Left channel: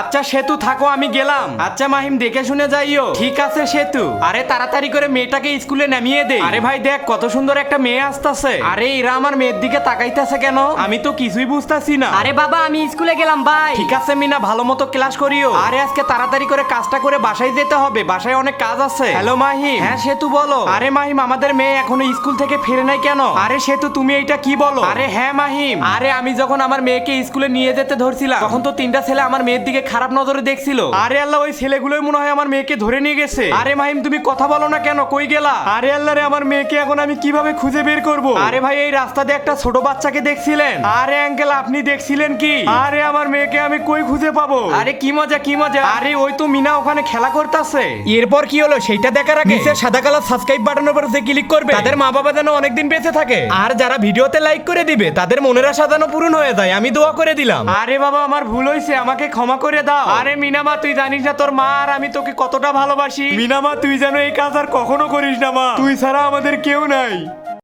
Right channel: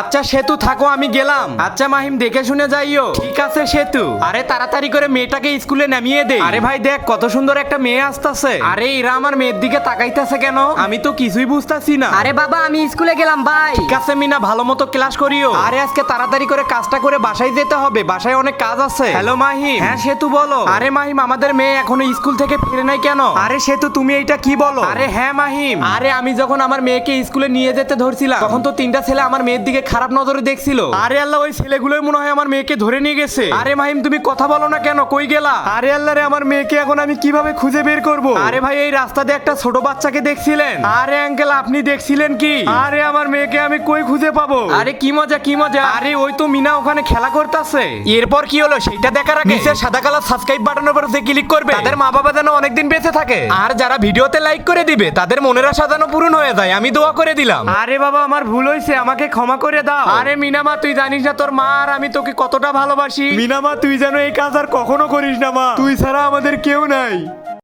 আচ্ছা সেতু থাকো, আমি গেলাম। আচ্ছা মাহিম দেখে শুনে যাইও। ঠিক আছে সেতু। আরে তাড়াতাড়ি করে মেয়েটাকে স্কুলে নামিয়ে দে। আরে ভাই দেখ কত সুন্দর একটা মেয়ে আসতেছে। আরে এরা আমার মেয়ের দিকে তাকাইতেছে কেন? আমি তো কিছুই বুঝতাছি না। আরে বাবা আমি স্কুলে গেলাম বাই। ঠিক আছে মিনা, ভালো মতো ক্লাস করিও। আরে আজকে তাড়াতাড়ি করে কাজটা করে বাসায় যেতে হবে, বাসায় অনেক কাজ আছে। হ্যালো মাহিম। হ্যাঁ সেতু বলো। আরে মাহিম আমাদের মেয়ে এখনো স্কুল থেকে ফিরে নাই কেন? আরে সেতু তুমি এইটা কি বলো? আরে হ্যাঁ মাহিম, আরে আমি যখন আমার মেয়েকে স্কুলে নিয়ে যেতে ধরছিলাম তখন তো তিনটা ছেলে আমার মেয়ের দিকে খারাপ নজরে দেখছিল। আরে আল্লাহ, ওই ছেলেগুলোই মনে হয় আমার মেয়েকে ধরে নিয়ে গেছে। আরে মাহিম তুমি কথা বলো না কেন, কই গেলা? আরে আল্লাহ রে, আমার মেয়েকে এখন আমি কিভাবে খুঁজে বের করব? আরে ভাই এই রাস্তা দিয়ে একটা ছোট বাচ্চাকে দেখছিলেন? আরে আঙ্কেল আপনি দেখছিলেন কি? আরে আমার মেয়েকে আমি কই খুঁজে পাবো? আরে কি মজা কি মজা। আরে ওই তো মিনা ওখানে খেলা করতেছে। এরপর কি হলো সেইটা দেখার আগে নিচে সাদা কালার সাবস্ক্রাইব বাটনের উপর যে ক্লিক করবে তাদের মা বাবা যেন অনেকদিন বেঁচে থাকে। আর যারা ভিডিওতে লাইক করে দিবে তাদের মনের আশা যেন পূরণ হয়ে যায়, আমি দোয়া করে দিলাম। আরে বাবা আমার ভুল হয়েছে, আমাকে ক্ষমা করে দাও। আরে মিনামা তুই জানিস না তোর মা আর আমি তোকে কতটা ভালোবাসি। মিনামা তুই যেন এই কাজ আর কখনো করিস না মা, তুই ছাড়া আমাদের কেউ নাই।